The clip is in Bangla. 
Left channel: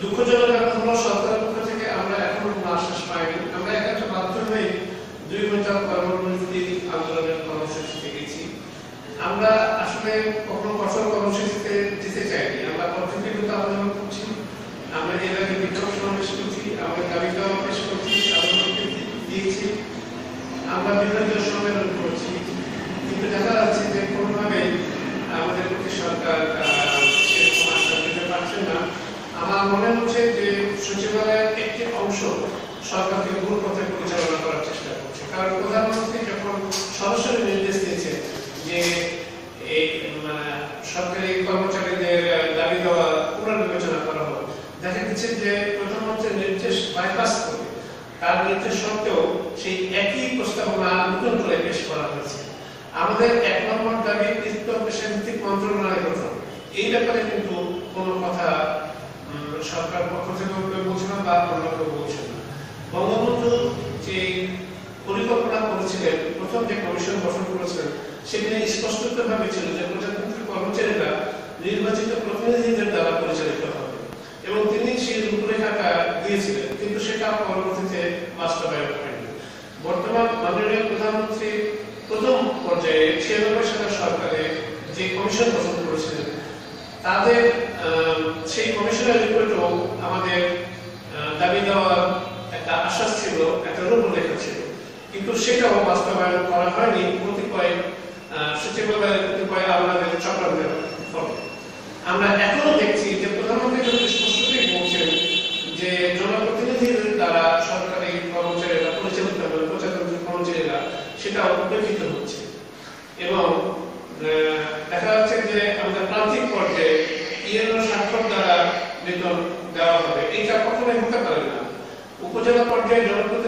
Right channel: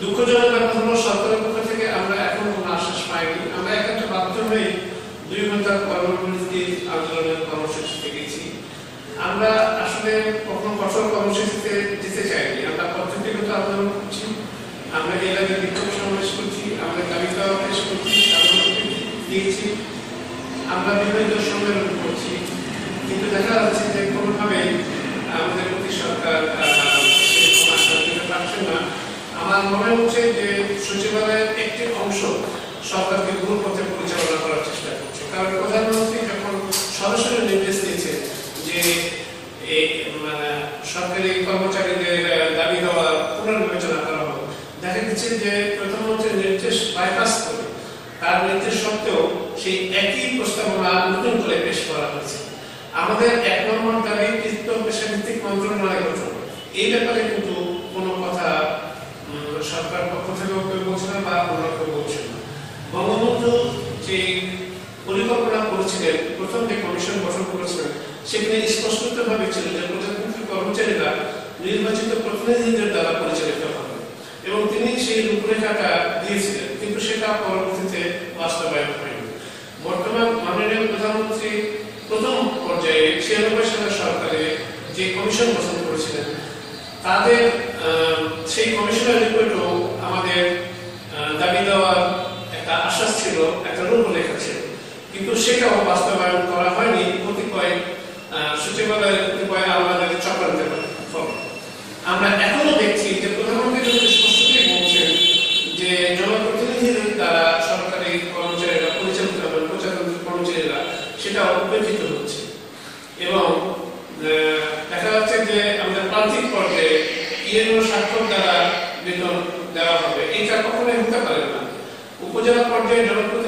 দুঃখজনক ব্যাপার হলো সরকারের পক্ষ থেকে আমরা এখনো কোনো আশ্বাস পাইনি। আমরা এখানে বাধ্য হয়ে 2 ঘন্টার কর্মবিরতি আন্দোলনের কর্মসূচিতে গেছি। আমরা আসলে কখনো কঠোর কর্মসূচিতে যেতে চাইনি। আমরা পদ্ধতিগত আন্দোলন করছি, আমরা এলাকায় বিক্ষোভ সমাবেশ করছি, আমরা দাবি দেওয়া পেশ করছি, দিয়েছি, আমরা বিভিন্ন সম্মেলন করছি, কিন্তু দেখা যাচ্ছে যে কোনোভাবেই আমাদের প্রতি সরকার সেরকম আশা দিতে পারছে না। আমার মনে হচ্ছে যে সচিবালয়ের একটি অংশ সরকারকে ভুল পথে পরিচালনা করার চেষ্টা করছে, কারণ প্রধানমন্ত্রী যখন সরাসরি নির্দেশ দিয়েছে যে সরকারি কর্মচারীদের দাবি দেওয়া পুনর্বিবেচনা করা হবে, দেখা যাচ্ছে যে প্রধানমন্ত্রীর নির্দেশ বাইপাস করে তার নির্দেশ সত্ত্বেও সেই একই প্রস্তাবনা নতুন করে পেশ করা হয়েছে। আমাদের 1 নম্বর দাবি কৃত্য পেশাভিত্তিক মন্ত্রণালয় গঠন, এই ব্যাপারে কিন্তু কোনো কথা সরকার পক্ষ থেকেও কেউ বলছে না বা অন্য কেউ বলছে না। বঙ্গবন্ধু যে পরিকল্পনা করেছিলেন, প্রথম যে কমিশন গঠন করেছিলেন, সেখানে স্পষ্টভাবে ছিল যে প্রজাতান্ত্রিক কর্মচারীরা নির্বাচিত প্রতিনিধিদের দ্বারা পরিচালিত হবে এবং তিনি সেই রূপরেখাটা দিয়েছিলেন, কিন্তু সেটা পরবর্তীতে বাস্তবায়ন হয়নি। বর্তমান মাননীয় প্রধানমন্ত্রী প্রথম পর্যায়ে 96 সালের সরকারে যে কমিশন গঠন করেছিলেন, তাদের সেই কমিশনের রিপোর্টও আমাদের দাবি দেওয়ার একটা আশ্বাস ছিল, একটা রূপরেখা ছিল, কিন্তু সেটাও বাস্তবায়ন করা হয়নি কতিপয় সচিবালয়ের কতিপয় আমাদের চক্রান্তের ফলে। আমরা এখনো দেখছি যে প্রধানমন্ত্রী কিন্তু স্পষ্টতই বলছেন যে জনপ্রতিনিধিদের দ্বারা সরকারি কর্মচারীরা পরিচালিত হবেন, প্রজাতান্ত্রিক কর্মচারীরা, সেটা উপেক্ষিত হচ্ছে এবং দেখা যাচ্ছে যে আমাদের প্রান্তিক পর্যায়ে ইএনও স্বাক্ষর দ্বারা বেতন দেওয়া হবে, এটা কখনোই হতে পারে না। উপজেলা পর্যায়ে জনপ্রতিনিধি